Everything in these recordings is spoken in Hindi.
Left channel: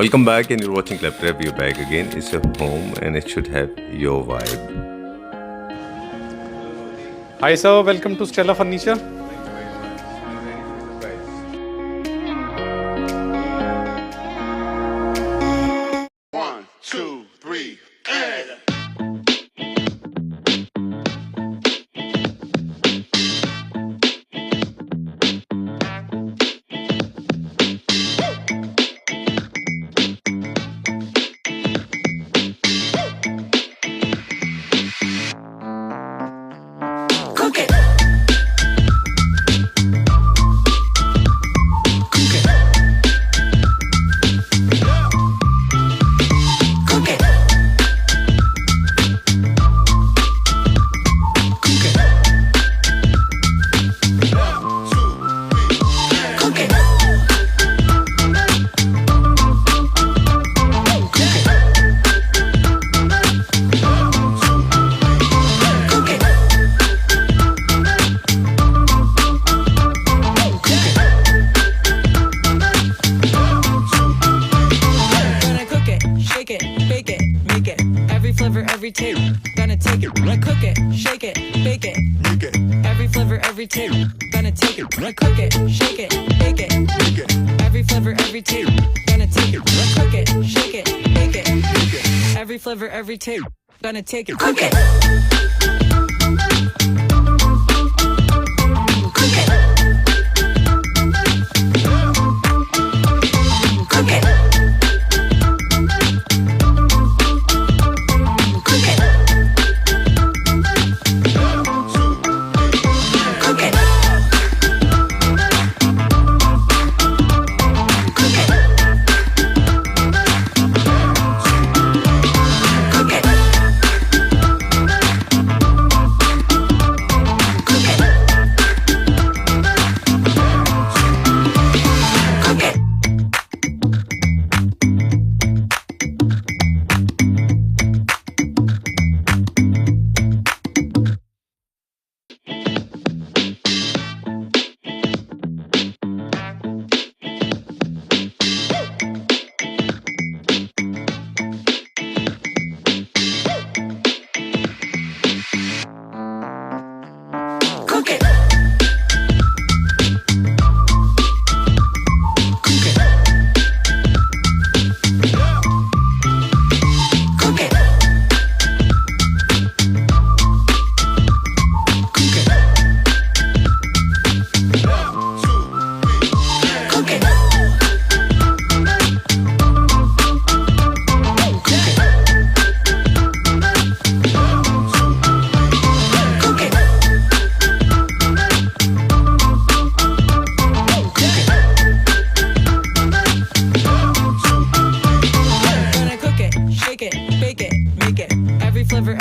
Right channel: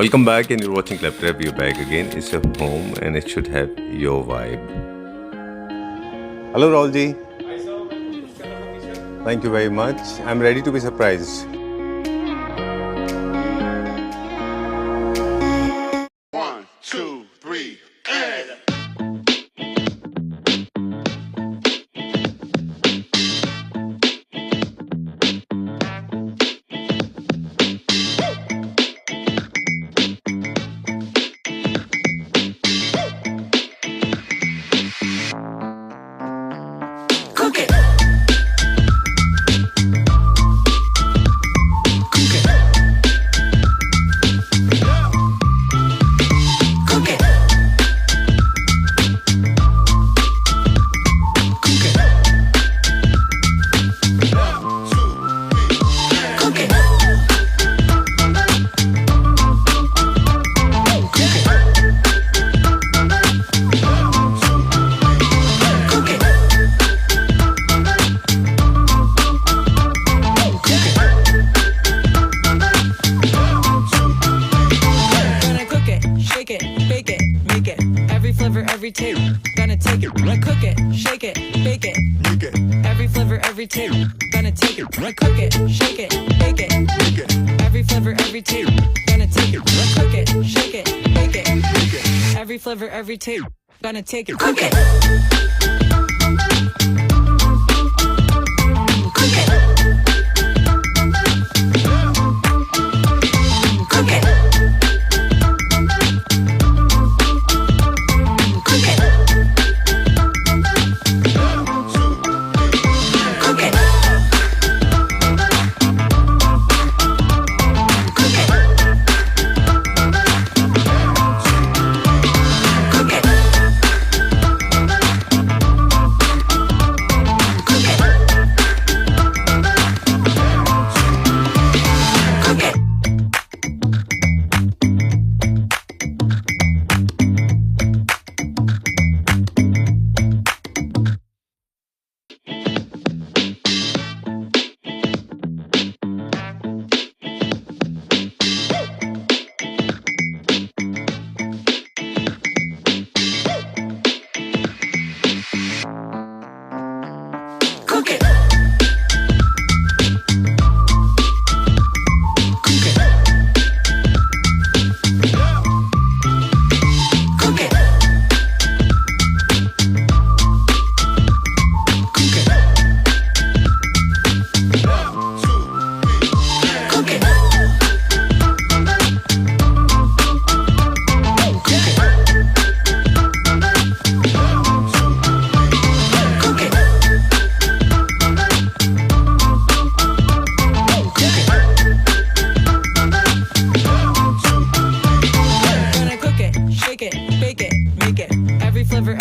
Welcome back, and you're watching Claptrap. You're back again. It's your home, and it should have your vibe. Hello, Rahul ji. Hi sir, welcome to Stella Furniture. Thank you very much. I'm ready to be surprised. One, two, three, and. Every tape, gonna take it, right, cook it, shake it, bake it, make it. Every flavor, every tape, gonna take it, right, cook it, shake it, bake it, make it. Every flavor, every tape, gonna take it, right, cook it, shake it, bake it, make it. Every flavor, every tape, gonna take it, cook it. Cook it. Cook it.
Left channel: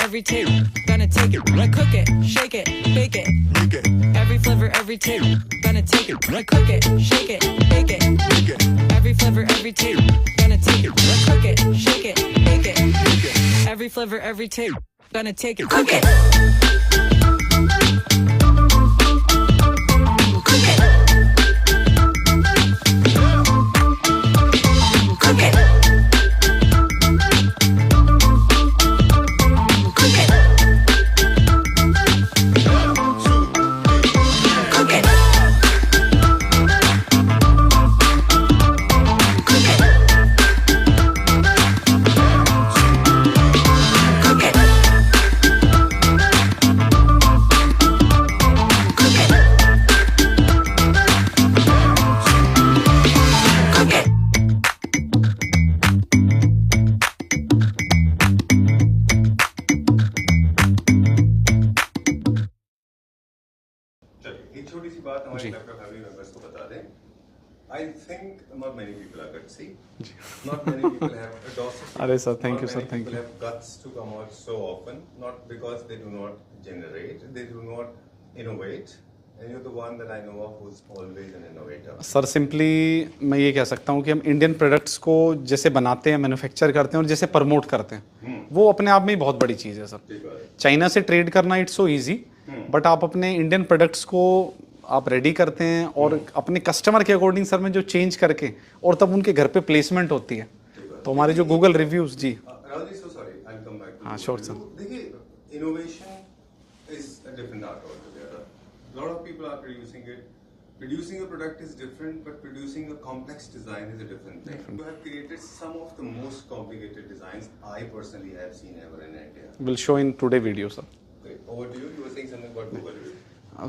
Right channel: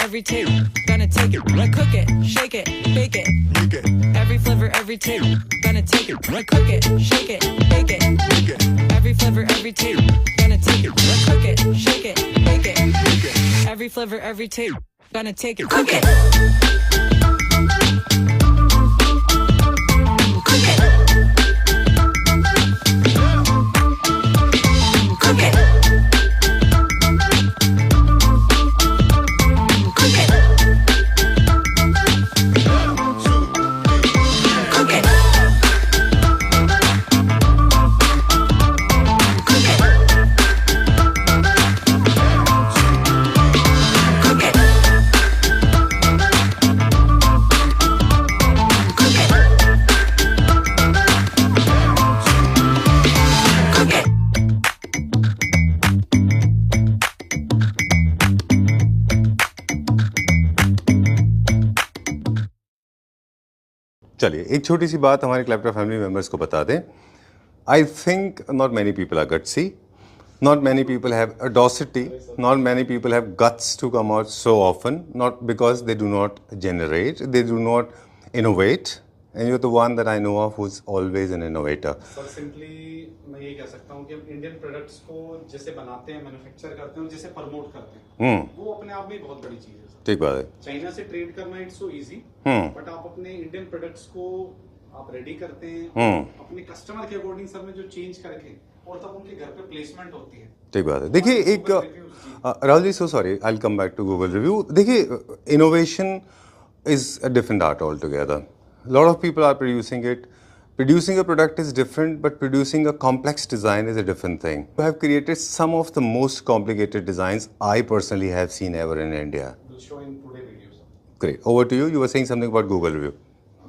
Every tape, gonna take it, right, cook it, shake it, bake it, make it. Every flavor, every tape, gonna take it, right, cook it, shake it, bake it, make it. Every flavor, every tape, gonna take it, right, cook it, shake it, bake it, make it. Every flavor, every tape, gonna take it, cook it. Cook it. Cook it. चलिए एक छोटी सी बात हमारे क्लैपटॉप फैमिली मेंबर्स को बता दें. I think not many people are gutsy, not many people have audacity, not many people have guts to come out so often, not because they do not generate, they do not innovate, and you are the one that I know of who is always an innovator. Sir simply मैं ये कह सकता हूँ कि हम इंडियन प्रोडक्ट्स को जैसे बनाते हैं, मैन्युफैक्चर करते हैं और जैसे प्रमोट करते हैं, वो अपने आप में ही बहुत बड़ी चीज़ है सर. ठीक बात है. चाइना से ट्रेड करना इट्स सो इजी, बट आप अपने इंडियन प्रोडक्ट्स को आप रेडी करते हैं और अपने कस्टमर के अकॉर्डिंग सर में जो चेंज करके और तब उनके घर पे प्लेसमेंट होती है, ठीक बात है। तो हमारे जो देखिए गूगल रिव्यूज जी Rahul ji, so sorry, I will come back to Google review. देखिए, innovation is a different art altogether. A lot of people are producing it. Producing a product is different, but producing a complex design is a different thing. You have created some of the most complicated designs I personally have seen ever in India. Will show in today video sir. Great. Over to you. You were saying something about Google review.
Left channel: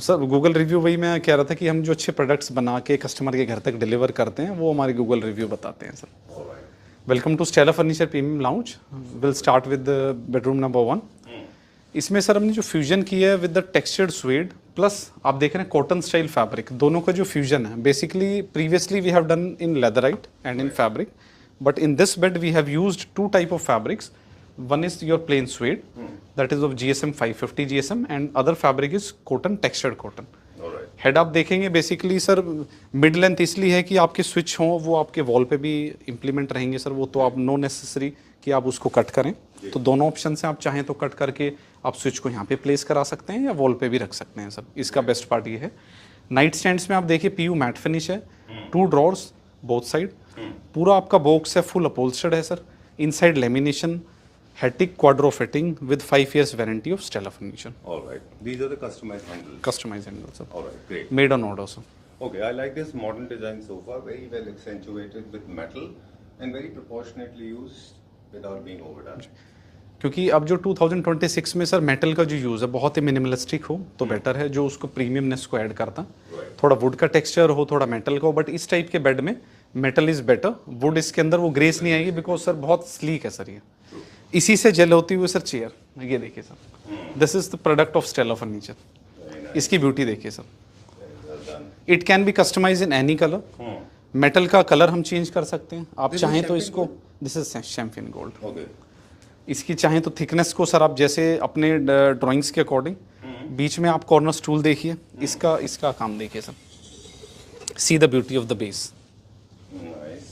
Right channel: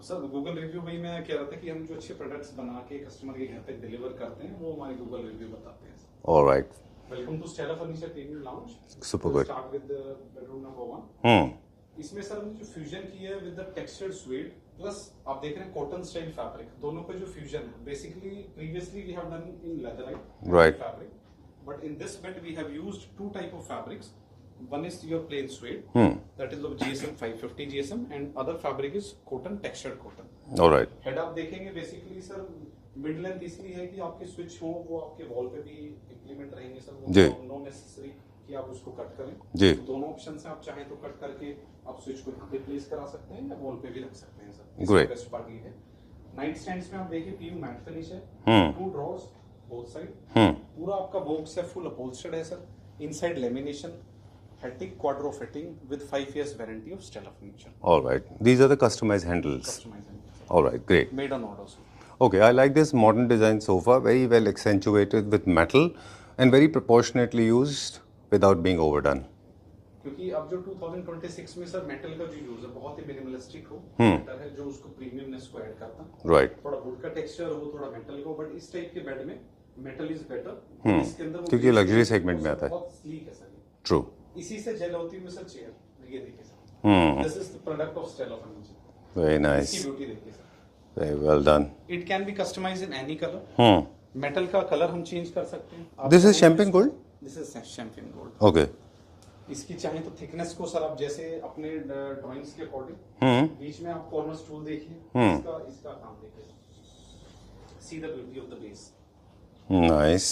Sir Google review वही मैं कह रहा था कि हम जो अच्छे प्रोडक्ट्स बना के कस्टमर के घर तक डिलीवर करते हैं वो हमारे गूगल रिव्यू बताते हैं sir. All right. Welcome to Stella furniture premium lounge. Will start with bedroom number 1। इसमें सर हमने जो फ्यूजन किया है with the textured suede plus आप देख रहे हैं कॉटन स्टाइल फैब्रिक, दोनों का जो फ्यूजन है। Basically previously we have done in leatherite and in fabric, but in this bed we have used 2 type of fabrics. One is your plain suede, that is of GSM 550 GSM, and other fabric is cotton, textured cotton. All right. Head आप देखेंगे बेसिकली सर मिड लेंथ इसलिए है कि आपके स्विच हों वो आपके वॉल पे भी इम्प्लीमेंट रहेंगे सर, वो तो आप नो नेसेसरी कि आप उसको कट करें। तो दोनों ऑप्शन से आप चाहें तो कट करके आप स्विच को यहाँ पे प्लेस करा सकते हैं या वॉल पे भी रख सकते हैं सर। इसका बेस्ट पार्ट ये है। नाइट स्टैंड्स में आप देखिए PU मैट फिनिश है, 2 ड्रॉर्स बोथ साइड, पूरा आपका बॉक्स है, फुल अपहोल्स्टर्ड है sir. Inside lamination, Hetic quadro fitting with 5 years warranty of Stella Furniture. All right. These are the customized handles. Customized handles, sir. All right. Great. Made on order, sir. Okay. I like this modern design sofa. Very well accentuated with metal and very proportionately used without being overdone. क्योंकि अब जो 2026 में सर मेटल का जो यूज है बहुत ही मिनिमलिस्टिक हो तो बेटर है, जो उसको प्रीमियमनेस को ऐड करता। Right. थोड़ा वुड का टेक्सचर हो, थोड़ा मेटल का हो, बट इस टाइप के बेड में मेटल इज बेटर। वुड इसके अंदर वो ग्रेस नहीं आएगी बिकॉज सर बहुत स्लीक है सर ये। True. इसी से जेल होती हुई सर चेयर, ये देखिए sir, this is the product of Stella furniture. Very nice. इसकी ब्यूटी देखिए sir. Very well done. It can be customise in any colour. Metal का कलर हम चेंज कर सकते हैं। आप This is चाहें तो champagne इसको, gold? This is champagne gold. Okay. इसकी चाहें तो थिकनेस को सर आप जैसे अपने ड्राइंग्स के अकॉर्डिंग, बीच में आप कॉर्नर स्टूल देखिए, इसका काम देखिए sir. C the beauty of the base, Nice.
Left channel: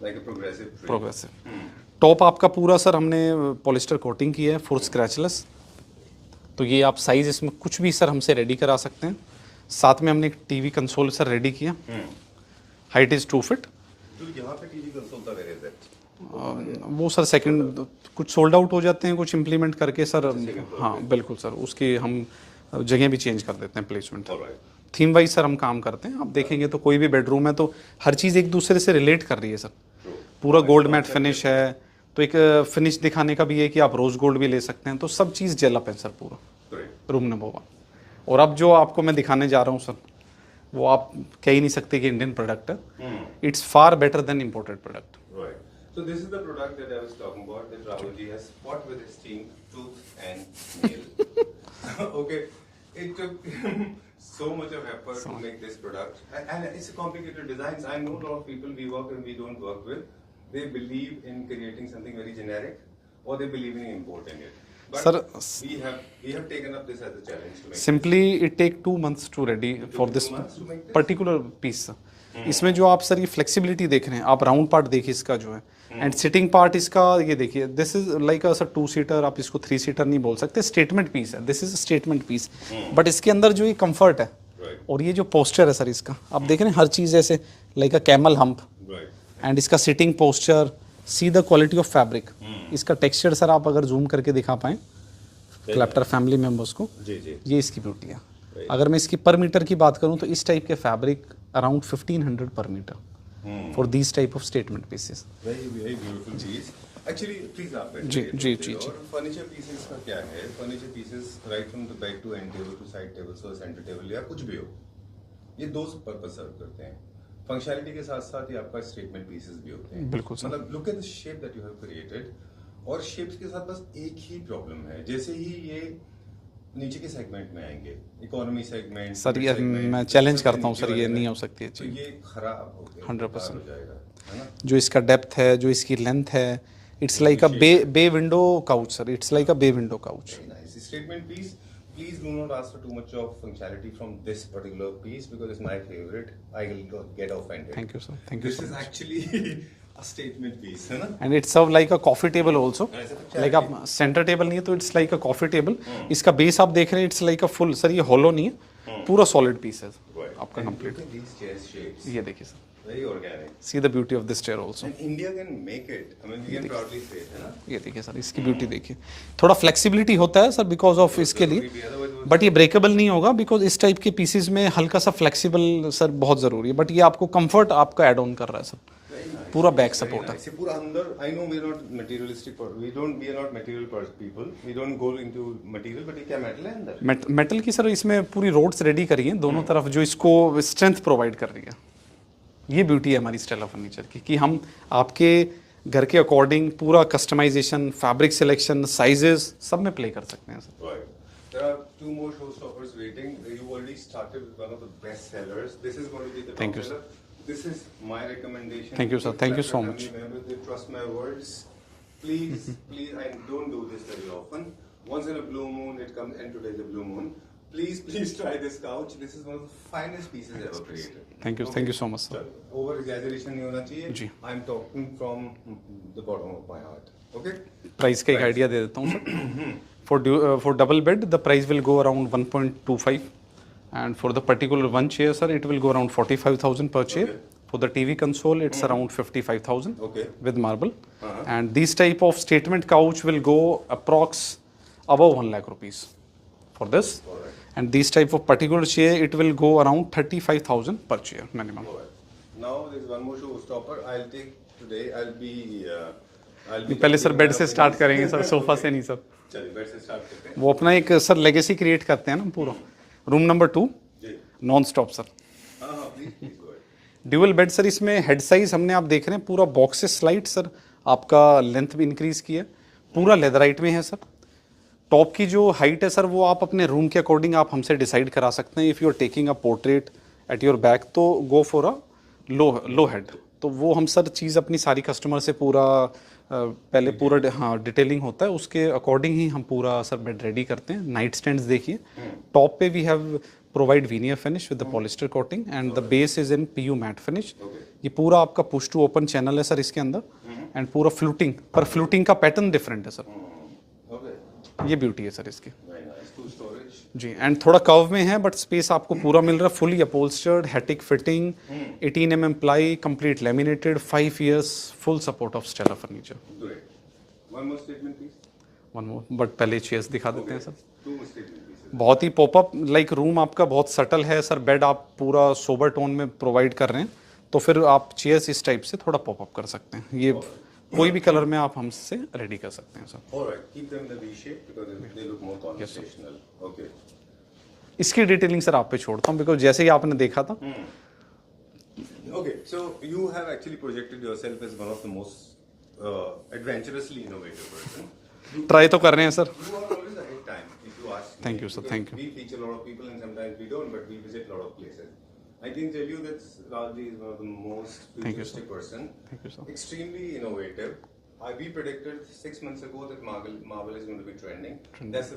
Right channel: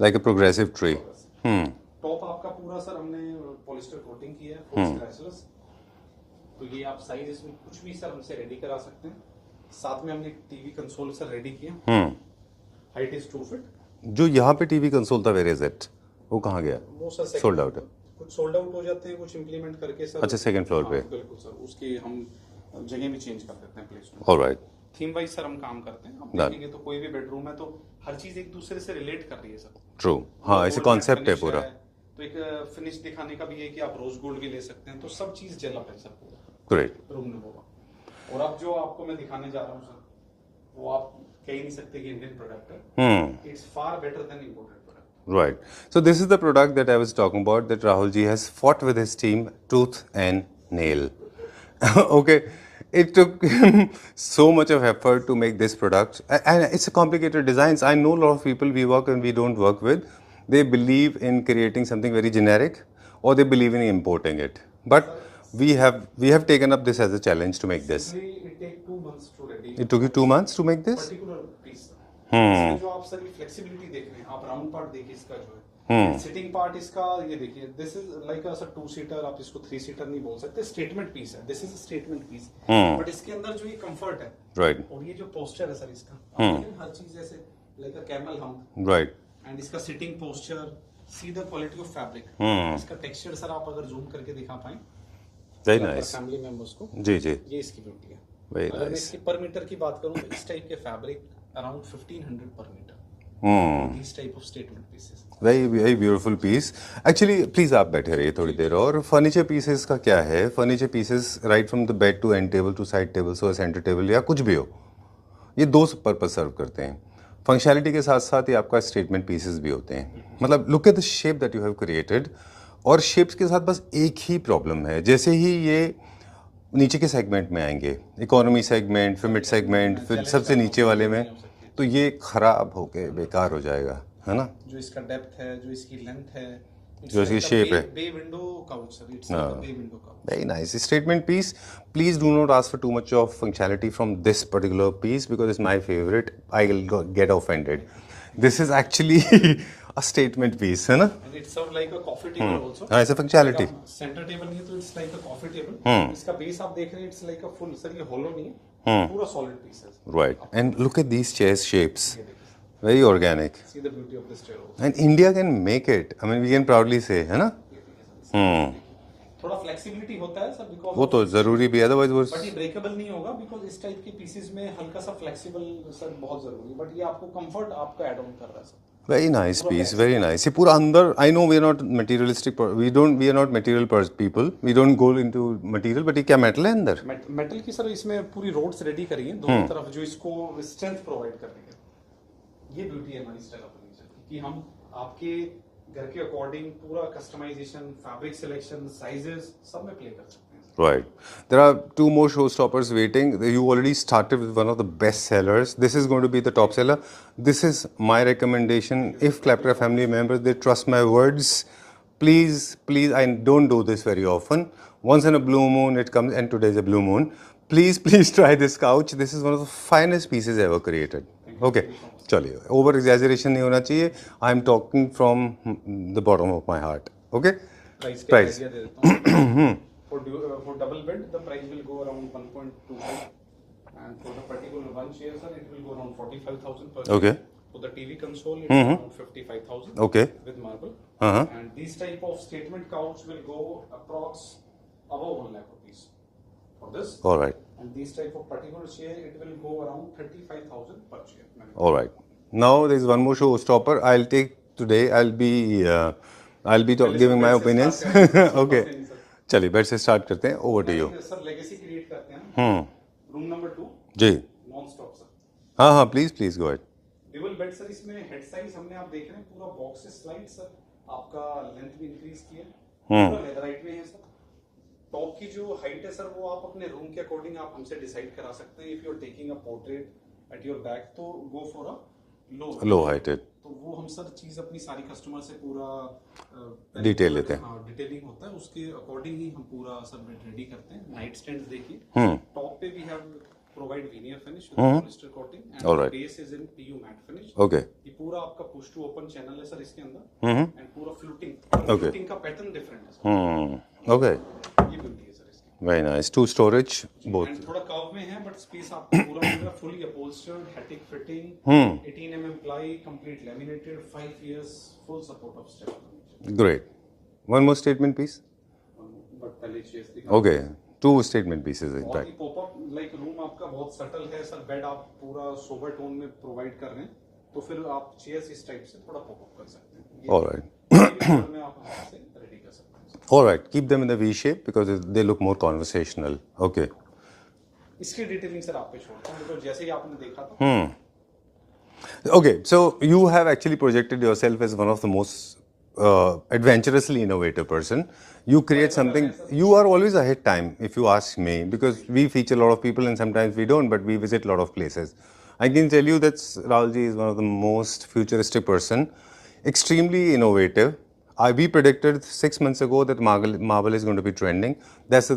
Like a progressive tree. Progressive. Top आपका पूरा सर हमने पॉलिस्टर कोटिंग की है, फुल स्क्रैचलेस। तो ये आप साइज इसमें कुछ भी सर हमसे रेडी करा सकते हैं। साथ में हमने एक टीवी कंसोल सर रेडी किया, हाइट इज 2 फीट। जो यहाँ पे टीवी कंसोल था, where is it? वो कहाँ गया? वो सर सेकंड कुछ सोल्ड आउट हो जाते हैं, कुछ इंप्लीमेंट करके सर। अच्छा, second floor पे। बिल्कुल सर, उसकी हम जगह भी चेंज कर देते हैं, placement. All right. Theme wise sir हम काम करते हैं। आप देखेंगे तो कोई भी बेडरूम है तो हर चीज एक दूसरे से रिलेट कर रही है सर। True. पूरा हाँ, गोल्ड ऐसे मैट concept फिनिश पूरा। है, तो एक फिनिश दिखाने का भी है कि आप रोज गोल्ड भी ले सकते हैं। तो सब चीज जेल अप है सर पूरा Great. Room number 1। और अब जो आपको मैं दिखाने जा रहा हूँ सर, वो आप कह ही नहीं सकते कि इंडियन प्रोडक्ट है। It's far better than imported product. Right. So this is the product that I was talking about, that Rahul ji has fought with his team tooth and nail. Okay. It took him so much of effort to make this product, and it's a complicated designs. I know a lot of people we work and we don't work with, they believe in creating something very generic, or they believe in importing it. But Sir, we have taken up this as a challenge to make this. Simply it take 2 months to ready। It took you 2 months to make this? Particular piece. इसमें जो आप सर ये फ्लेक्सिबिलिटी देख रहे हैं, आप राउंड पार्ट देखिए इसका जो है, एंड सिटिंग पार्ट इसका ये देखिए। This is like a sir 2 seater, आप इसको 3 सीटर नहीं बोल सकते, स्टेटमेंट पीस है। This is statement piece, but इसके अंदर जो ये कंफर्ट है, Right. और ये जो पोस्चर है सर इसका, आप देख रहे हैं हर चीज ऐसे like a camel hump, Right. And इसका sitting posture, see the quality of fabric. इसका टेक्सचर सर आप अगर जूम करके दिखा पाए Very क्लैप्टर nice. फैमिली मेंबर्स को, जी जी. ये इसकी ब्यूटी है। Very अगर मैं इसकी पर मीटर की बात करूं तो इस टाइप के फैब्रिक अराउंड 1500 पर metre for these type of statement pieces. Very beautiful piece. Actually please आप बैठे रहिए थोड़ी देर। और फर्नीचर पीसेस का क्या है, furniture pieces right from the bed to end table to side table और सेंटर टेबल या कुछ भी हो, ये 2 पर्पस सर्व करते हैं। फंक्शनैलिटी के साथ साथ ये आपका स्टेटमेंट पीसेस भी होते हैं। बिल्कुल। मतलब look at the shape that you have created. और शेप्स के साथ बस एक ही प्रॉब्लम है, जैसे ही ये नीचे के सेगमेंट में आएंगे, इकोनॉमी सेगमेंट, मिड सेगमेंट, सबसे नीचे वाले में, तो ये खराब होके बेकार हो जाएगा, है ना। जो इसका डेप्थ है, जो इसकी लेंथ है, it's like a bay window couch sir. It's like a bay window couch. Very nice. Statement piece. Please do not ask for too much of functionality from this particular piece because it's my favorite. I will get offended. Thank you, sir. This is actually a statement piece, है ना? And it's serve like a coffee table also. हाँ, ऐसे functionality. सेंटर टेबल नहीं है तो it's like a coffee table. इसका बेस आप देख रहे हैं, it's like a full, sir ये हॉलो नहीं है, पूरा सॉलिड पीस है। Right. And look at these chairs shapes. ये देखिए sir, Very organic. See the beauty of this chair also. And India can make it. I mean, we can proudly say, है ना? ये देखिए सर, इसकी ब्यूटी देखिए. थोड़ा फ्लेक्सिबिलिटी होता है सर बिकॉज ऑफ इसके जरूरी भी, otherwise वो बट ये ब्रेकेबल नहीं होगा बिकॉज इस टाइप के पीसेस में हल्का सा फ्लेक्सिबल सर बहुत जरूरी है. बट ये आपको कंफर्ट आपका ऐड ऑन कर रहा है सर. very nice पूरा piece, back very support nice. ये पूरा अंदर, I know we are not materialistic, we are not material people. We don't go into material, but ये क्या metal है अंदर? मेटल की सर इसमें पूरी रोड्स रेडी करी हैं दोनों तरफ जो इसको स्ट्रेंथ प्रोवाइड कर रही है. ये ब्यूटी है हमारी स्टेला फर्नीचर की कि हम आपके घर के अकॉर्डिंग पूरा कस्टमाइजेशन, फैब्रिक सिलेक्शन, साइजेस सब में प्ले कर सकते हैं sir. Right. There are 2 more showstoppers waiting. You already started with one of the best sellers. This is going to be the top seller. This is my recommendation. Thank you, sir. If Thank you Claptra so family much. members, they trust my words. Please, I don't do this very often. Once in a blue moon it comes, and today is a blue moon. Please try this couch. This is one of the finest pieces ever created. Thank you. Thank you so much. चलिए, over exaggeration नहीं होना चाहिए. I am talking from the bottom of my heart. Okay? Price का आइडिया दे देता हूँ. For double bed, the price will go around 1.25, and for the particular one chair, sir, it will go around 45,000 per chair. Okay. For the TV console, it's around 55,000. Okay. With marble. And this type of statement couch will go approx above 1 lakh rupees for this. All right. And this type of particular chair, it will go around 35,000 per chair minimum. All right. Now there is one more showstopper. I'll take today. I'll be पहले सर giving my बेड से स्टार्ट opinions. करेंगे सर, सोफा Okay. से नहीं सर. चलिए बेड से स्टार्ट करते हैं. वो Over अपना to एक you. सर लेगेसी क्रिएट करते हैं ना. रूम नंबर 2 जी. Non stop sir. हाँ please go ahead. Dual bed sir. इसमें हेड साइज हमने आप देख रहे हैं पूरा बॉक्स से स्लाइड सर आपका लेंथ भी इंक्रीज की है. पूरा लेदराइट में है सर. टॉप की जो हाइट है सर वो आप अपने रूम के अकॉर्डिंग आप हमसे डिसाइड करा सकते हैं. If you are taking a portrait at your back तो go for a low head. तो वो हम सर चीज़ अपनी सारी कस्टमर से पूरा पहले पूरा हाँ डिटेलिंग होता है उसके अकॉर्डिंग ही हम पूरा सर बेड रेडी करते हैं. नाइट स्टैंड्स देखिए. टॉप पे we have provide veneer finish with polyester coating and the base is in PU matt finish. Okay. ये पूरा आपका पुश टू ओपन चैनल है सर इसके अंदर. एंड पूरा फ्लूटिंग पर फ्लूटिंग का पैटर्न डिफरेंट है सर. ओके. ये ब्यूटी है सर इसकी. Very nice. 2 स्टोरेज जी. एंड थोड़ा कर्व में है बट स्पेस आपको पूरा मिल रहा है. Fully upholstered, Hettich fitting, 18 mm ply, complete laminated, 5 years full support of Stella furniture. Great. One more statement piece. One more but पहले चेयर्स दिखा ओके. देते हैं सर. 2 statement pieces. बहुत ही पॉपअप लाइक रूम आपका बहुत सटल है सर. बेड आप पूरा सोबर टोन में प्रोवाइड कर रहे हैं तो फिर आप चेयर्स इस टाइप से थोड़ा पॉपअप कर सकते हैं. ये भी कलर में आप हमसे रेडी कर सकते हैं sir. Alright. Keep them in the V shape because they look more conversational. Okay. इसकी डिटेलिंग सर आप पे छोड़ता हूँ बिकॉज जैसे ही आपने देखा था. Okay, so you have actually projected yourself as one of the most adventurously innovative person. You create तो कर रहे हैं something. You are always ahead time, if you ask me, you, sir. because Thank we feature a lot of people and sometimes we don't, but we visit a lot of places. I can tell you that Rahulji is one of the most futuristic person, extremely innovative. We predicted 6 months ago that marble is going to be trending. That's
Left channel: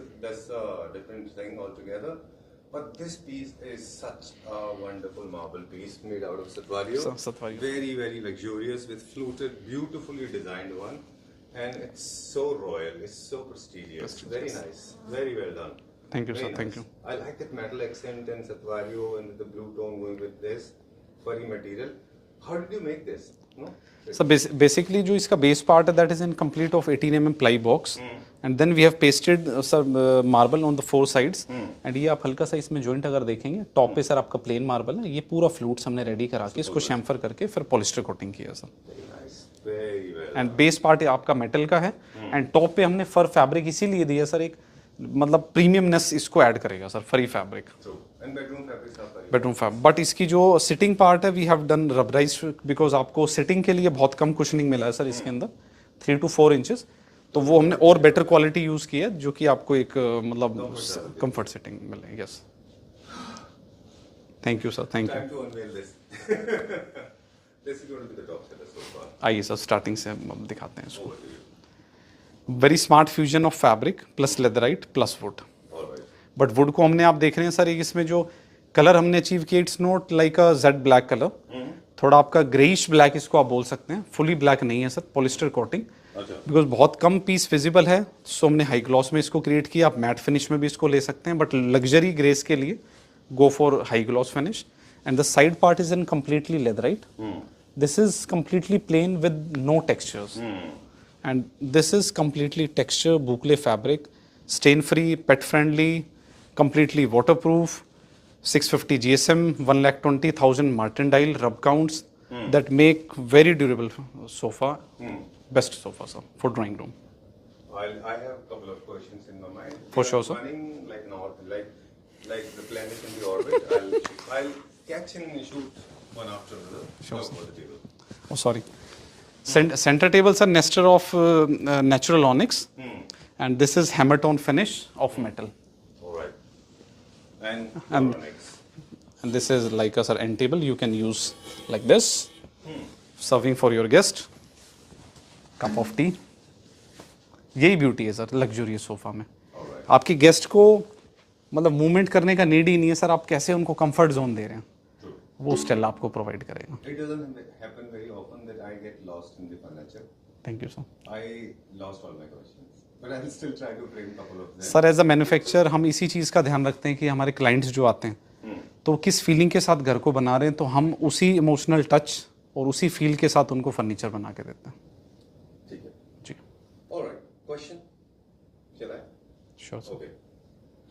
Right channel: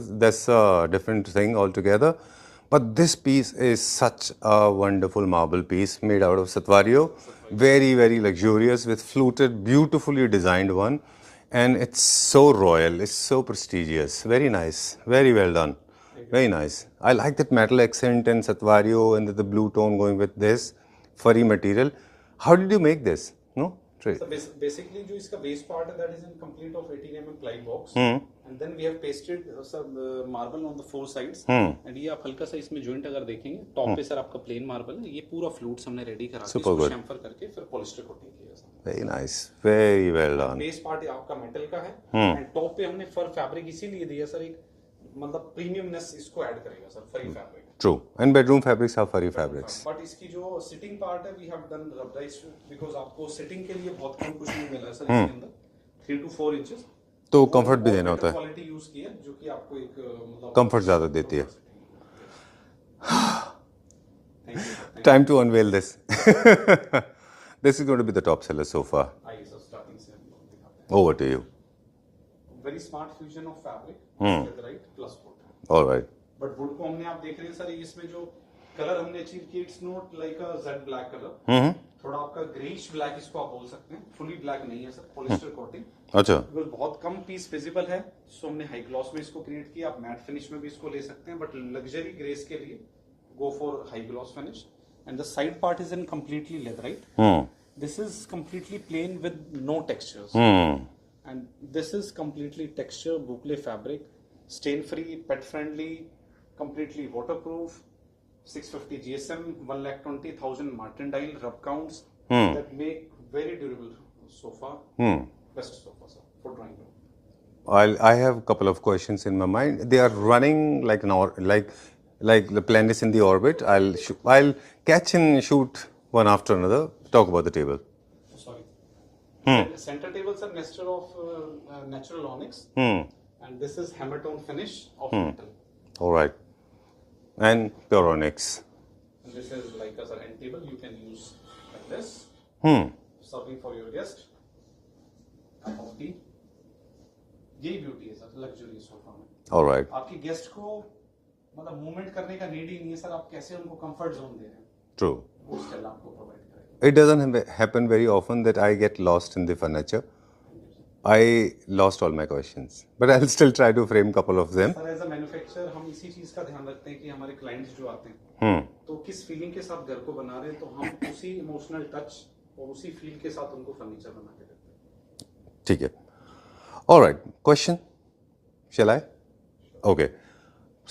a different thing altogether. But this piece is such a wonderful marble piece made out of Satvario. Very, very luxurious with fluted, beautifully designed one. And it's so royal, it's so prestigious. Very nice, very well done. Thank you. Very nice. I like that metal accent and Satvario and the blue tone going with this furry material. How did you make this? No? So basically जो इसका बेस पार्ट है that is in complete of 18 mm ply box and then we have pasted marble on the 4 sides and ये आप हल्का सा इसमें joint अगर देखेंगे टॉप पे सर आपका प्लेन मार्बल है. ये पूरा फ्लूट्स हमने रेडी करा के इसको शैम्फर करके फिर पॉलिस्टर कोटिंग किया sir. Very nice, very well and done. Base part आपका मेटल का है एंड टॉप पे हमने फर फैब्रिक इसीलिए दिया सर. एक मतलब प्रीमियमनेस इसको ऐड करेगा sir. Furry fabric. True. And bedroom fabrics are furry bedroom fabrics. Fab but इसकी जो सिटिंग पार्ट है we have done rubberise because आपको सिटिंग के लिए बहुत कम कुशनिंग मिला है सर इसके अंदर 3 to 4 inches. तो वो हमने comfort भी और देना बेटर होता है. क्वालिटी यूज की है जो कि आपको एक मतलब Comfort ज़्यादा देती है. कंफर्ट सिटिंग मिले. Yes. Thank you sir. Thank you. Time to unveil this. This is going to be the top seller so far. आइए सर स्टार्टिंग से हम दिखाते हैं. Over to you. Very smart fusion of fabric plus leatherette plus would. All right. But would को हमने आप देख रहे हैं सर एक इसमें जो कलर हमने अचीव किया it's not like a Z black colour. थोड़ा आपका ग्रेइश ब्लैक इसको आप बोल सकते हैं. फुली ब्लैक नहीं है सर. पॉलिस्टर कोटिंग अच्छा. बिकॉज बहुत कम पीस विजिबल है सो हमने हाई ग्लॉस में इसको क्रिएट किया. आप मैट फिनिश में भी इसको ले सकते हैं बट लग्जरी ग्रेस के लिए go for high gloss finish. and the side part is in completely leatherite. This is completely plain with no textures. And this is completely texture boucle fabric, stain free, pet friendly, completely waterproof, 650 GSM, 1,20,000 martindale rub counts that make very durable sofa. Best sofa, sir, for drawing room. I have a couple of questions in my mind. They are running like like the planet in the orbit. I'll catch and shoot one after another. Talk about the table. Oh, sorry. Center tables are Nestor of natural onyx, and this is hammer tone finish of metal. All right. And your onyx. And this is like a end table. You can use like this, serving for your guest. Cup of tea. यही ब्यूटी है सर लग्जूरियस सोफा में. All right. आपकी गेस्ट को मतलब मूवमेंट करने का नीड ही नहीं है सर. आप कैसे उनको कंफर्ट जोन दे रहे हैं. True. वो स्टाइल आपको प्रोवाइड करेगा. It doesn't happen very often that I get lost in the furniture. Thank you, sir. I lost all my questions, but I'll still try to frame couple of them. Sir as a manufacturer हम इसी चीज़ का ध्यान रखते हैं कि हमारे क्लाइंट्स जो आते हैं तो किस फीलिंग के साथ घर को बना रहे हैं, तो हम उसी इमोशनल टच और उसी फील के साथ उनको फर्नीचर बना के देते हैं. ठीक है. All right. Question? Shall I? Sure. Okay.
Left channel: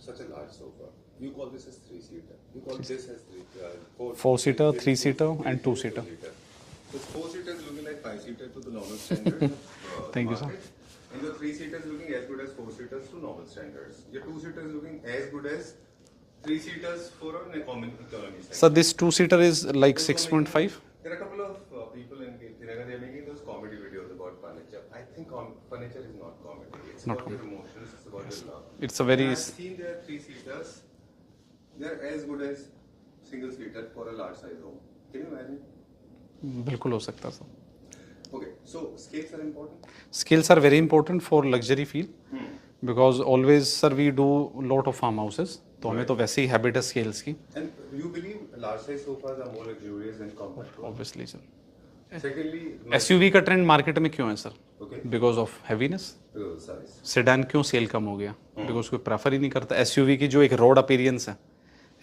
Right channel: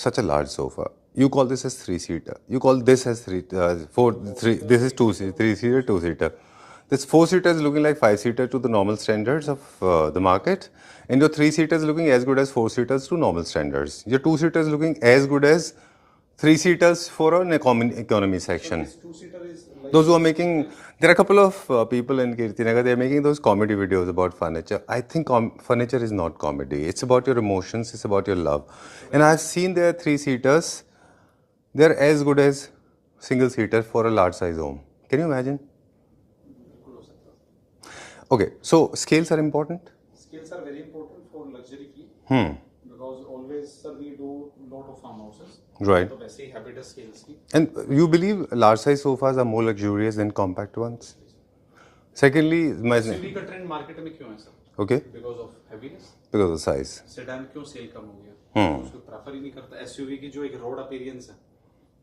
Such a large sofa. You call this as 3-seater. You call this as 4-seater, this is 3-seater, 3-seater, 2-seater. This 4-seater is looking like 5-seater to the normal standards of the market. And your 3-seater is looking as good as 4-seaters to normal standards. Your 2-seater is looking as good as 3-seaters for an economy section. So this 2-seater is like Those who are 6.5? making, there are a couple of people in Kirtinagar, they are making those comedy videos about furniture. I think furniture is not comedy. It's about your emotions, it's about your love. It's a very and I've seen their 3-seaters, they're as good as single-seater for a large size home. Can you imagine? बिल्कुल हो सकता है sir. Okay, so scales are important? Scales are very important for luxury feel. Because always, sir, we do lot of farmhouses. Right. तो वैसे ही habit है scales की. And you believe large size sofas are more luxurious than compact ones? Obviously, sir. Secondly, SUV का ट्रेंड मार्केट में क्यों है sir? Okay, because of heaviness. because of the size. Sedan क्यों सेल कम हो गया? बिकॉज कोई प्रेफर ही नहीं करता. एसयूवी की जो एक रोड अपीरियंस है,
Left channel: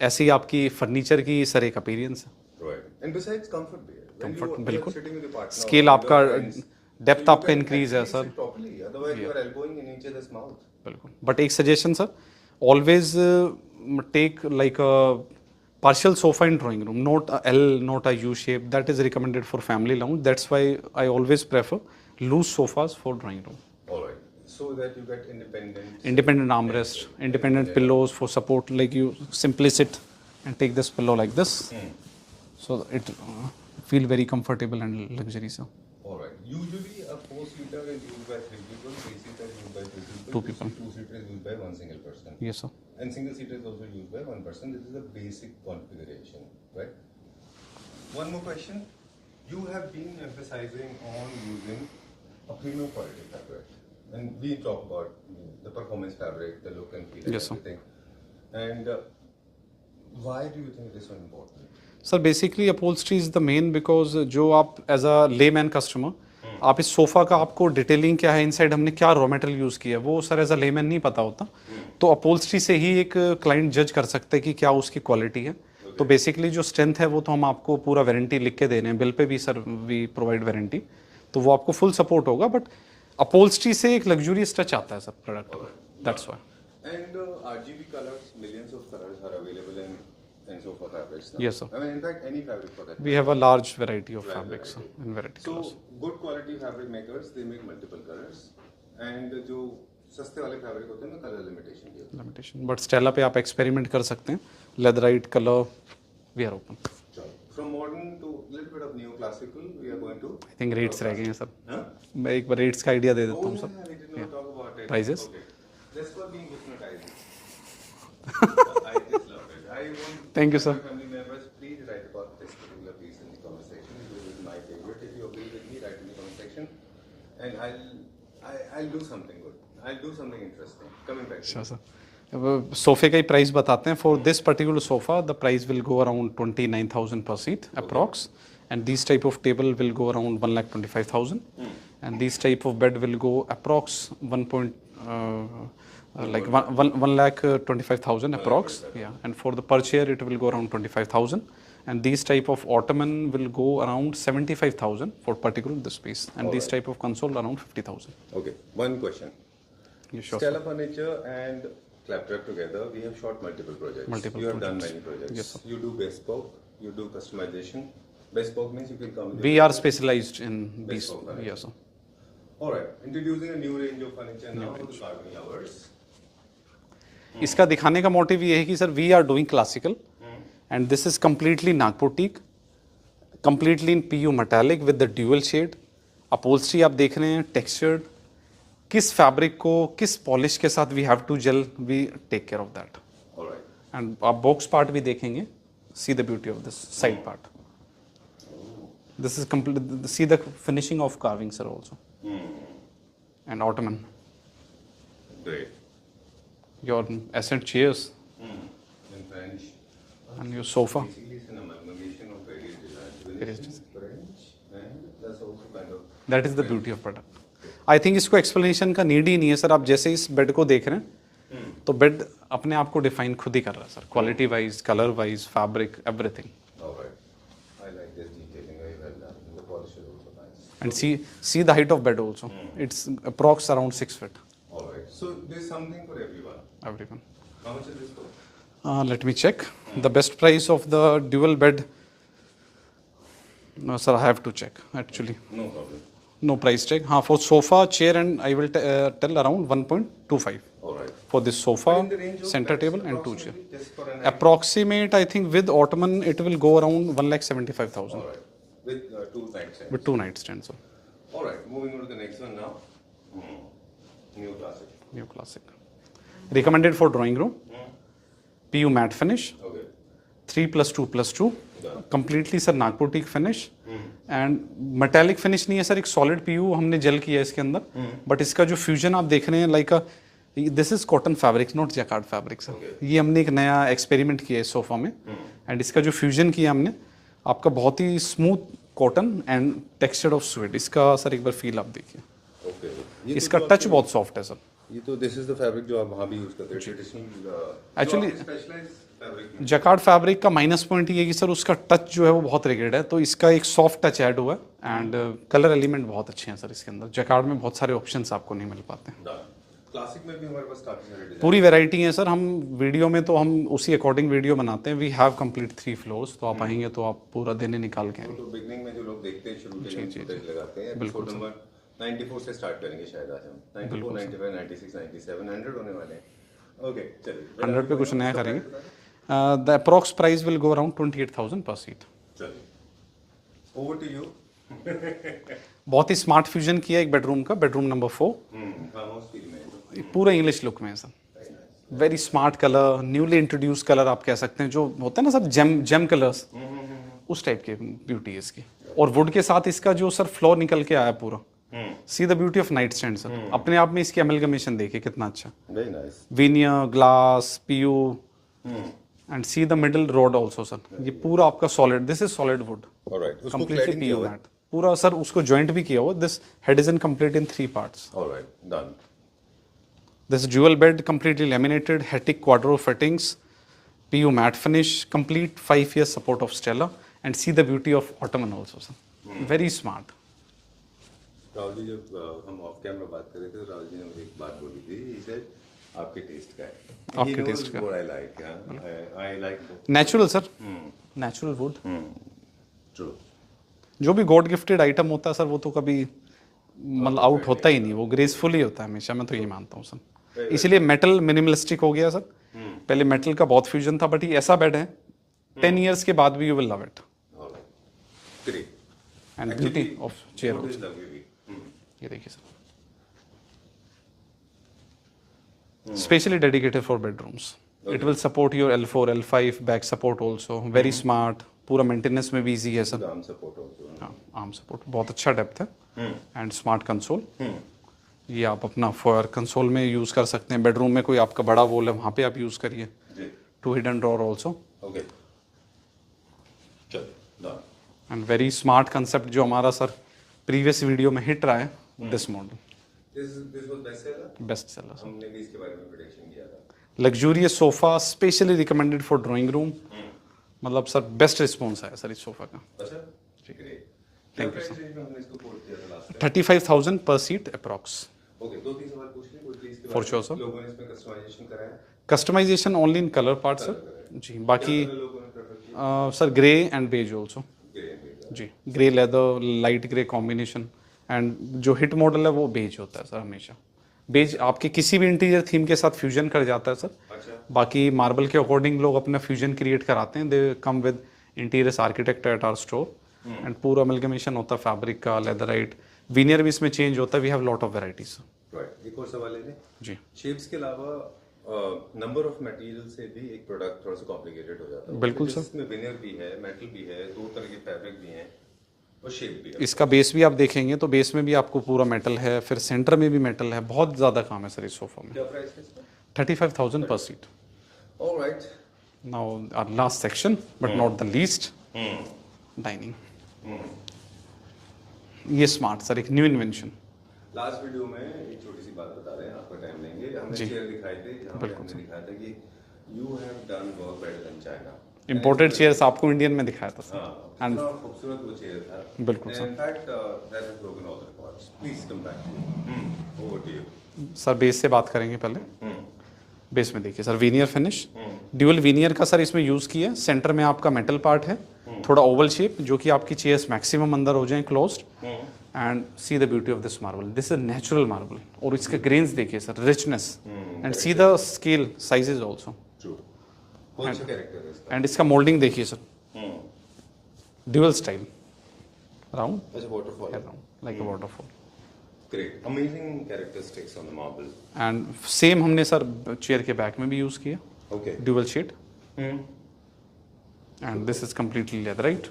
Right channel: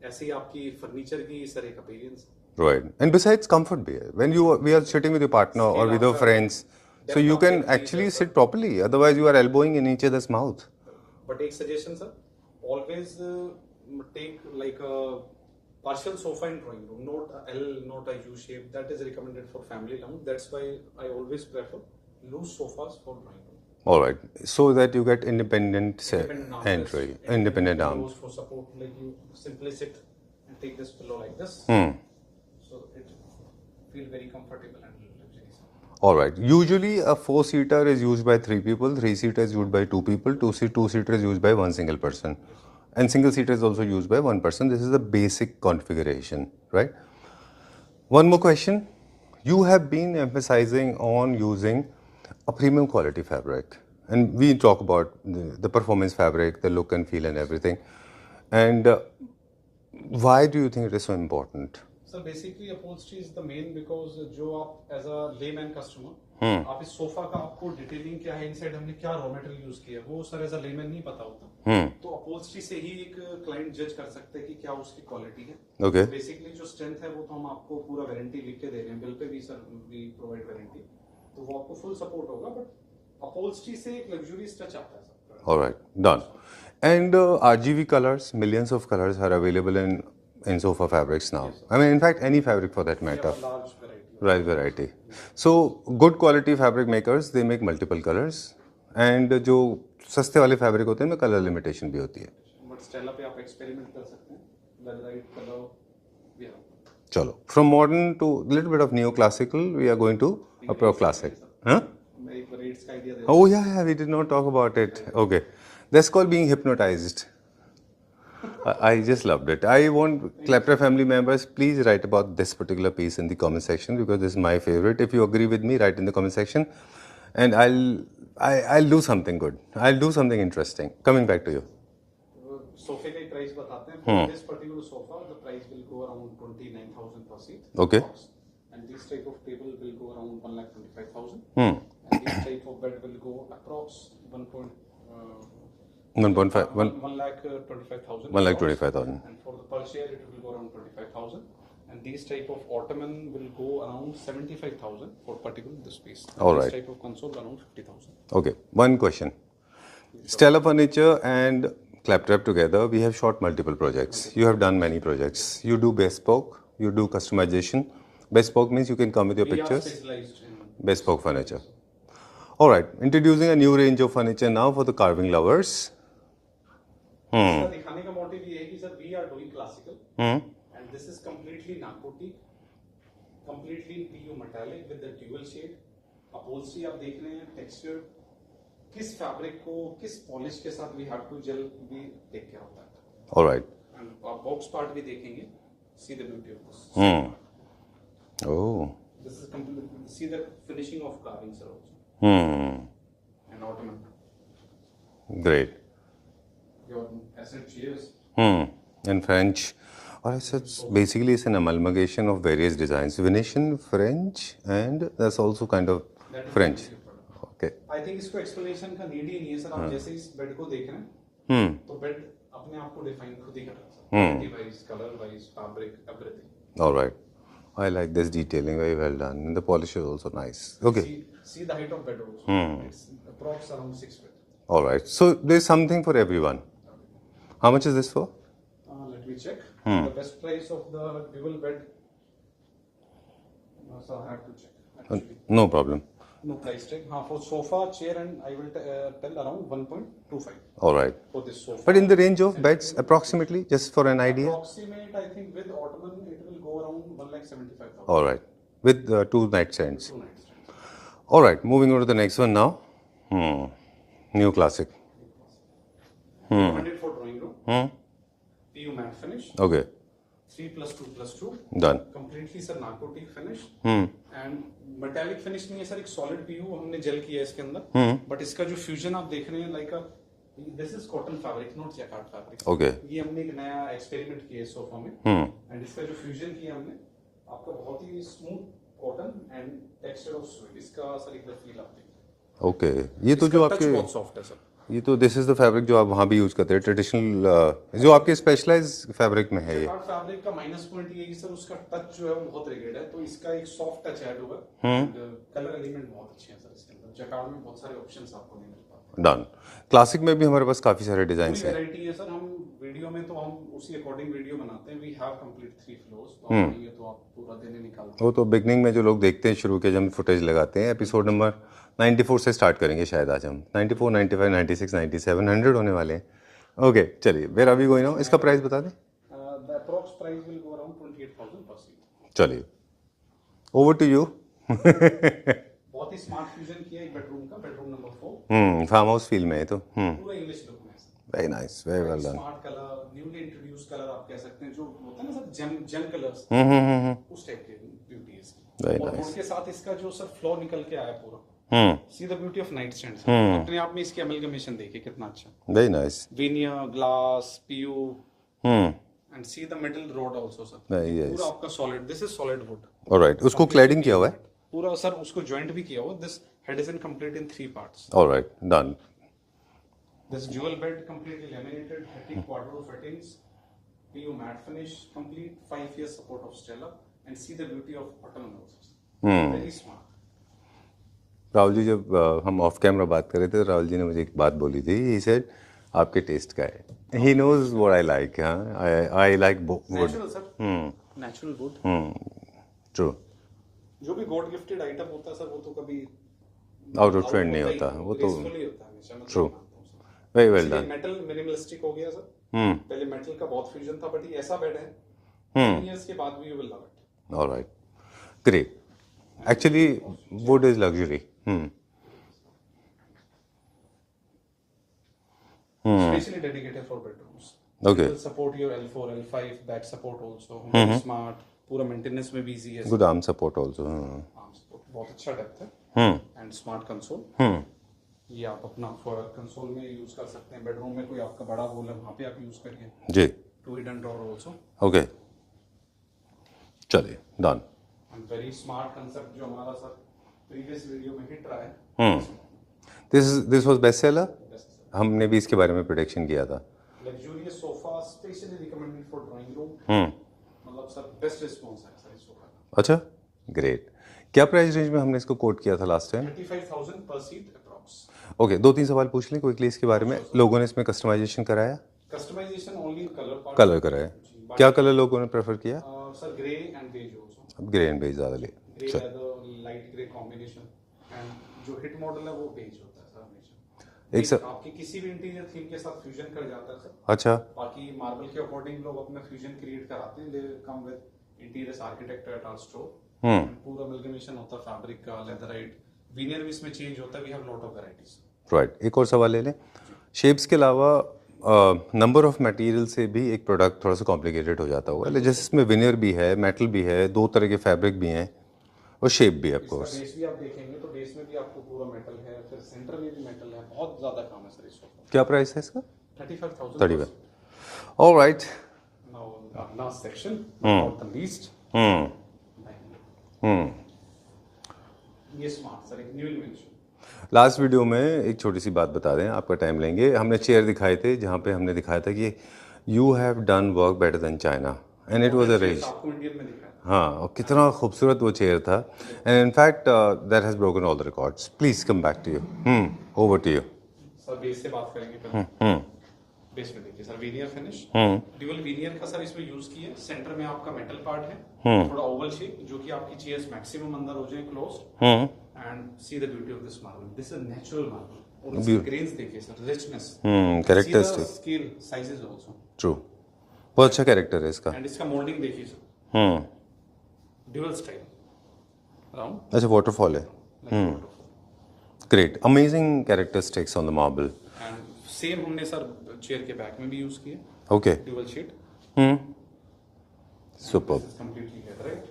ऐसे ही आपकी फर्नीचर की सर एक अपीरियंस है. Right. And besides comfort be here. When we are sitting with your partner or Scale with your आपका friends, depth so you आपका can increase है, actually sir. sit properly. Otherwise, you are elbowing in each other's mouth. बिल्कुल. बट एक suggestion sir, always take like a partial sofa in drawing room, not a L, not a U shape. That is recommended for family lounge. That's why I always prefer loose sofas for drawing room. All right. So that you get independent Armrest, entry, independent arm. pillows for support. Like you simply sit and take this pillow like this. So it feel very comfortable and luxury, sir. All right. Usually a 4-seater is used by 3 people, 3-seater is used by 2 people, 2-seater is used by 1 single person. Yes, sir. And single-seater is also used by 1 person. This is the basic configuration, right? One more question. You have been emphasizing on using a premium quality fabric. And we talk about the performance fabric, the look and feel and everything. And why do you think it is so important? Sir basically upholstery is the main, because जो आप एज अ लेमैन कस्टमर आप इस सोफा का आपको डिटेलिंग क्या है, इनसाइड हमने क्या रॉ मटेरियल यूज किया है, वो सर एज अ लेमैन नहीं पता होता. तो अपहोल्स्ट्री से ही एक क्लाइंट जज कर सकते हैं कि क्या उसकी क्वालिटी है. तो बेसिकली जो स्ट्रेंथ है वो तो हम आपको पूरा वारंटी लिख के दे रहे हैं, बिल पे भी सर वी प्रोवाइड वारंटी, तो वो आपको फुल सपोर्ट होगा. बट अपहोल्स्ट्री से एक लग्जूरियस टच आता है sir product. All right, done. And RGB colors, millions of colors are available in sofa fabrics now. Yes, sir. I mean, in fact, any fabric for that matter. We have a large variety of Right, variety. So, good quality fabric makers, they make multiple colors. And जो सस्ते वाले फैब्रिक होते हैं उनमें कलर लिमिटेशन भी होती है. बट स्टेला पे आप एक्सपेरिमेंट कर सकते हैं. Leatherite colour we are open. चलो, from modern to little bit of neoclassical, we are going to classic. Huh? मैं एक बार रेट्स का idea they Oh yeah, we did not talk about it. Prices? Okay, that's called being hypnotized. I just loved it. I want Klepra family members, please write about this particular piece in the comment section because this is my favorite. If you agree with me, write in the comment section, and I'll do something good. I'll do something interesting. Coming back to you. सोफे का ही प्राइस बताते हैं. For this particular sofa the price will go around 29,000 per seat approx. And these type of table will go around 1,25,000. And these type of bed will go approx 1,25,000 approx. Yeah. And for the per chair it will go around 25,000. And these type of ottoman will go around 75,000 for particular this space, and All this right. type of console around 50,000. Okay, one question. Yeah, sure. Stella Furniture and Claptrap together, we have shot multiple projects. You have done many projects. You do bespoke, you do customization. Bespoke means you can come with your We are pictures. specialized in Bespoke these. furniture. Yes, sir. All right, introducing a new range of furniture now for the carving lovers. इसका दिखाने का मोटिव ये है कि sir we are doing classical and this is completely Nagpur teak, completely in PU metallic with the dual shade. Upholstery आप देख रहे हैं टेक्सचर्ड, किस फैब्रिक को किस पॉलिश के साथ we have to gel, we take care of that. All right. And आप बॉक्स पार्ट भी देखेंगे, see the beauty of this side part. Oh. This is complete, see the finishing of carving sir also. And ottoman, Great. Your accent chairs. In French. Or else it's basically it's an amalgamation of various designs. Venetian, French, and that's also kind of that is the French. Beauty of product. Okay. I think इसको एक्सप्लेनेशन का नीड ही नहीं है सर. आप जैसे इस बेड को देख रहे हैं तो बेड अपने आप को डिफाइन खुद ही कर रहा है sir, quality wise, colour wise, fabric, everything. All right. I like this detailing, very well done. And the polish is also nice. And Okay. see the height of bed also. It's approx around 6 feet. All right. So there's something for everyone. Everyone. How much is this for? Let me check. The best price of the dual bed. No, sir, I have to check actually. No problem. No price check. For sofa, chair, and I will tell around 1.25 All right. for this sofa. But in the range of center beds, table and two approximately, just for an chairs. idea. Approximate, I think with ottoman it will go around 1,75,000 All right. With 2 nightstands. with 2 nightstands. Sir. All right. Moving on to the next one now. New classic. New classic. Recommended for drawing room. PU matte finish. Okay. 3+2+2. Done. Completely sir Nagpur teak finish and metallic finish नहीं है सर, एक सॉलिड पीयू हमने जेल किया है इसके अंदर. बट इसका जो फ्यूजन आप देख रहे हैं like this is cotton fabric, not jacquard fabric. Okay. ये हमने एक नया एक्सपेरिमेंट किया है इस सोफा में. एंड इसका जो फ्यूजन किया हमने, आपका बहुत ही smooth cotton and texture of suede. इसका सर एक बार फील आप देखिए, Okay. ये तो इसका जो टच आपके बहुत सॉफ्ट है सर. ये तो दिस इज द फैब्रिक जो आप वहाँ भी यूज करते हैं ट्रेडिशनल जो आपके स्पेशलाइज फैब्रिक में है. जैकार्ड फैब्रिक का माइनस पॉइंट ये है कि सर उसका टच जो है वो बहुत रिगिड है, तो इसका एक सॉफ्ट टच ऐड हुआ है. एंड कलर एलिमेंट बहुत अच्छे हैं सर इसके अंदर. जैकार्ड में बहुत सारे ऑप्शंस आपको नहीं मिल पाते हैं. डन. क्लासिक में भी हमारे पास काफी सारे डिजाइन. पूरी वैरायटी है सर. हम वीडियो में तो हम उसी अकॉर्डिंग वीडियो बनाते हैं. वी हैव कंप्लीट 3 फ्लोर्स, तो आप आएंगे तो आप पूरा दिन ही निकाल के. वो तो बिगनिंग में जो लोग देखते हैं शुरू के जब हम फुटेज लगाते हैं एपिसोड नंबर 94 से स्टार्ट करेंगे शायद आज हम. 94, 95, 96, 97, 100 होने वाले हैं. ओके चलिए where are we going on. इसका प्राइस बता दें. The approx price will go around 28,000 per seat. चलिए ओवर टू यू. बहुत ही स्मार्ट फ्यूजन किया एक बेडरूम का, bedroom number 4. Farm house feel में है तो पूरा इंग्लिश लुक में है sir. Very nice. Very smart colour, newly introduce colour आप कह सकते हैं, जो होता है ना सर जेम कलर्स, उस टाइप की ब्यूटी है इसकी. और वुड के साथ इसका जो सर फ्लोर निकल के आया पूरा. See the beauty of night stand sir. अपने आप में इसकी अमेलगमेशन देखिए कितना अच्छा. Very nice. Veneer, glass, PU, and see the middle rod also sir. ये पूरा आपका solid, this is solid wood. Alright. उसको क्लैडिंग किया हुआ है पूरा सर, उसको जॉइंट भी किया हुआ. This head is in complete in 3 parts. Alright. Done. This dual bed completely laminated, Hetic quadro fittings, PU matte finish, complete 5 years support of Stella, and see the beauty of ottoman also, sir. Very smart. Rahul ji जब हम ऑफ कैमरा बात कर रहे थे राहुल जी ने मुझे एक बात बोली थी. ही सेड आपके टेस्ट का है. He knows what I like. I like Natural sir. Natural wood. True. जो भी गॉड गिफ्टेड आइटम होता है सर, वो तो कभी आउट होता ही नहीं. वो ग्रेसफुल ही होता है हमेशा. मैं तो ये मानता हूँ सर. इसलिए मेटल मिनिमलिस्टिक हो गया सर. पहले मेटल का बहुत फ्यूजन था, बट ये ऐसा बेड है 10 इयर्स के बाद भी you will love it. Alright. Great. Actually would is luxury. ये देखिए sir, specially dedicated for bedrooms. It will support your L4, L5 back support also. Very smart. पूरा मेंटेनेंस में भी इजी है sir. With arm support also. Arm support बहुत अच्छा डेप्थ है. And smart console. ये आप अपना फॉर कंसोल में यूज कर सकते हैं. बेडरूम में कोई आपका बड़ा वॉल है, वहाँ पे आप यूज करिए. जी. 2 हिडन ड्रॉअर आल्सो. ओके चलिए done. And very smart concept जो हमारा सर प्रीवियस वीडियो में हिट रहा है. This model this was best seller. Best seller. हमने भी इसके बारे में प्रेडिक्शन किया था. Luxurious sofa specially recommended for drawing room. मतलब सर बेस्ट रिस्पॉन्स आया सर इस सोफा का। अच्छा, ग्रेट। क्या प्राइस रेंज में हमने इसको कोट किया था लास्ट टाइम? 35,000 पर सीट अप्रॉक्स। ओके, 2-3 सवाल पूछ लें क्विकली इसके बारे में। लोगों ने इसमें कस्टमाइजेशन कराया? Customization only in colour part. Colour कराया जी, क्या बाकी कलर लोगों ने प्रेफर किया? Sir grey and beige also. Grey and beige ज़्यादा। जी, grey leather, light grey combination, and जो हिट मॉडल है वो बेज होता है सर हमेशा। बेज आपके किसी भी इंटीरियर थीम के साथ फ्यूजन कर जाता है सर। अच्छा, बाकी मार्बल के अकॉर्डिंग लोग अपना फ्यूजन क्रिएट कराते हैं। They come with interior architect at our store and पूरा अमलगमेशन होता है फैब्रिक का, लेदराइट, विनियर भी इसमें चेंज होता है। We have lot of varieties. Right. एक और सवाल ले लें जी। शेप्स के अलावा नंबर ऑफ मटेरियल से भी एक प्रोडक्ट थोड़ा सा कॉम्प्लिकेटेड हो जाता होगा, जैसे इसमें विनियर भी है, मेटल भी है, 2 तरह के फैब्रिक भी हैं और शेप भी है। इसका बेस भी आप देखेंगे तो बेस में भी आपको पूरा मेटल है, फिर सेंटर में भी मेटल है। बहुत ज़्यादा काम है सर इस सोफा में। क्या प्राइस है इसका? 35,000 per seat. All right. Now our last section, but not the least, dining. ये स्मार्ट सर एक न्यू इन्वेंशन। लास्ट वीडियो में एक छोटी सी बात बता दें, आपका टाइम लेंगे। हमने चेयर दिखाए थे जहाँ पे हमने दिखाया था कि you have done work better than China. Imported chairs आपको इंडियन में दिखाया था। हाँ, और कितना खूबसूरत वो चेयर था। And in fact that has broken all the records. Please come back to you. Over to you sir. Base से बात करेंगे पहले। बेस में देखिए sir, veneer finish, dual veneer का सर इसमें यूज किया। सेंटर में आपका मेटल पार्ट है, थोड़ा ओवल शेप, जो कि आपकी चेयर्स मैक्सिमम अंदर हो जाएं closed. And see the beauty of this marble. This is natural marble और इसके ग्रेन्स देखिए sir, richness, and see the scale sizes also. True, बहुत अच्छा कैरेक्टर है इसका। एंड इसका मोल्डिंग देखिए सर, ड्यूअल स्टाइल राउंड। अच्छा, वाटरफॉल है, like waterfall. Great, amazing characteristics on the marble. And same हमने सर चेयर के बैक में भी यूज किया। Okay, dual sheet. And this is completely leatherette.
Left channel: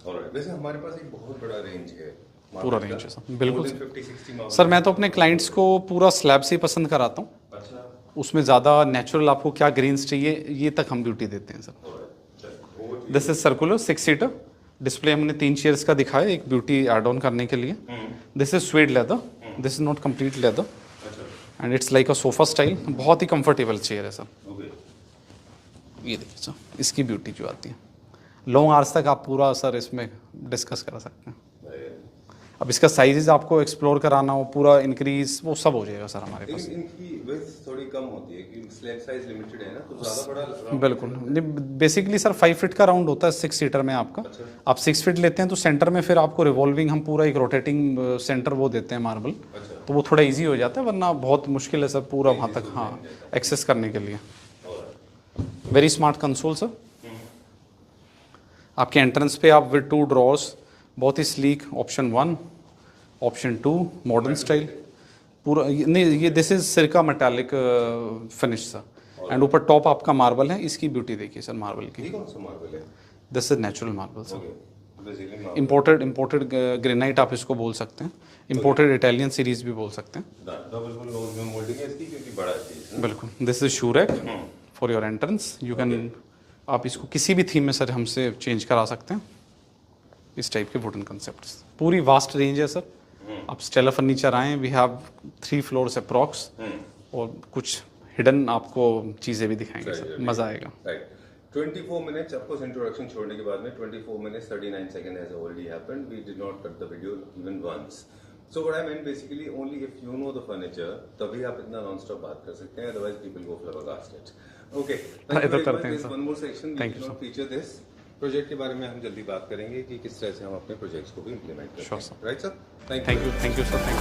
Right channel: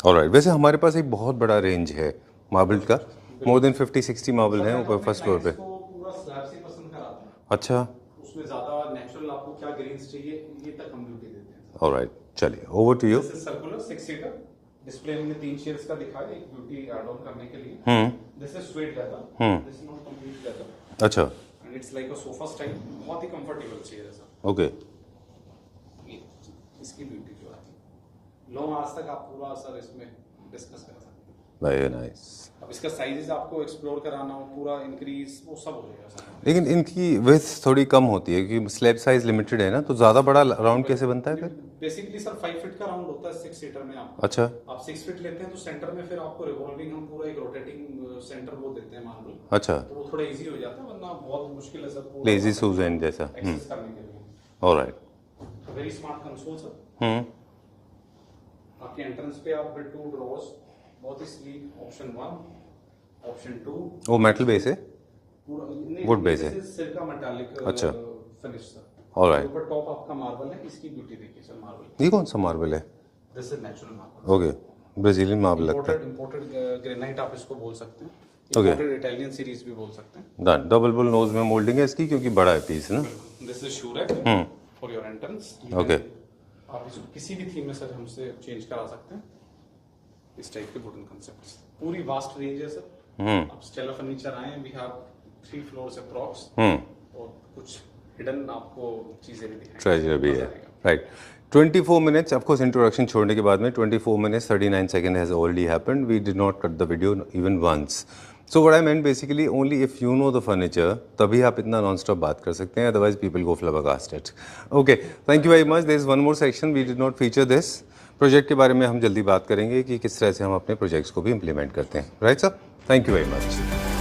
Alright. वैसे हमारे पास एक बहुत बड़ा रेंज है मार्बल का, मोर देन 50-60 मार्बल। सर मैं तो अपने क्लाइंट्स को पूरा स्लैब से ही पसंद कराता हूँ। अच्छा, उसमें ज़्यादा नेचुरल आपको क्या ग्रेन्स चाहिए, ये तक हम ब्यूटी देते हैं सर। ऑलराइट, चलिए over to you. This is circular 6 seater display. हमने 3 चेयर्स का दिखाया, एक ब्यूटी ऐड ऑन करने के लिए। This is suede leather, this is not complete leather. अच्छा, and it's like a sofa style. बहुत ही कंफर्टेबल चेयर है सर। ओके। ये देखिए सर, इसकी ब्यूटी जो आती है, लॉन्ग आवर्स तक आप पूरा सर इसमें डिस्कस कर सकते हैं। Very nice. अब इसका साइजेस आपको एक्सप्लोर कराना हो, पूरा इंक्रीज, वो सब हो जाएगा सर हमारे। लेकिन इनकी विड्थ थोड़ी कम होती है क्योंकि स्लैब साइज लिमिटेड है ना, तो ज़्यादा बड़ा राउंड कैसे बनता है? बेसिकली सर 5 फीट का राउंड होता है 6 सीटर में आपका। अच्छा, आप 6 फीट लेते हैं तो सेंटर में फिर आपको रिवॉल्विंग, हम पूरा एक रोटेटिंग सेंटर वो देते हैं मार्बल। अच्छा, तो वो थोड़ा इजी हो जाता है, वरना बहुत मुश्किल है सर पूरा Easy Susan जैसा। एक्सेस करने के लिए। Alright. Very smart console sir. आपके एंट्रेंस पे आप विद 2 ड्रॉर्स, बहुत ही sleek. Option 1, option 2 metal base है पूरा। नहीं, ये दिस इज सिरका मेटालिक फिनिश सर। एंड ऊपर टॉप आपका मार्बल है। इसकी ब्यूटी देखिए सर मार्बल की। ये कौन सा मार्बल है? This is natural marble. Okay, Brazilian marble. Imported granite आप इसको बोल सकते हैं। इंपोर्टेड इटालियन सीरीज भी बोल सकते हैं। डन। डबल बुल नोज में मोल्डिंग है इसकी क्योंकि बड़ा है पीस ना। बिल्कुल। This is shoe rack for your entrance. You can, आप इसको किसी भी थीम में सर हमसे चेंज करा सकते हैं। इस टाइप के वुडन कंसेप्ट्स, पूरी वास्ट रेंज है सर। आप स्टेला फर्नीचर आए, वी हैव 3 फ्लोर्स अप्रॉक्स, और कुछ हिडन आपको चीजें भी दिखाएंगे, मजा आएगा। Right. 24 minutes, of course, introduction छोड़ने के बाद में 24 minutes 39 seconds has already happened. We did not cut the video even once. So what I meant basically, only if you know the furniture, तभी आप इतना non-stop बात कर सकते हैं, otherwise people go flabbergasted. Okay, thank you very much. There is one more section, we did not feature this. Project के बारे में हम जल्दी बात करेंगे कि किस तरह से हम अपने प्रोजेक्ट्स को भी इम्प्लीमेंट करते हैं। Right sir, thank you very much.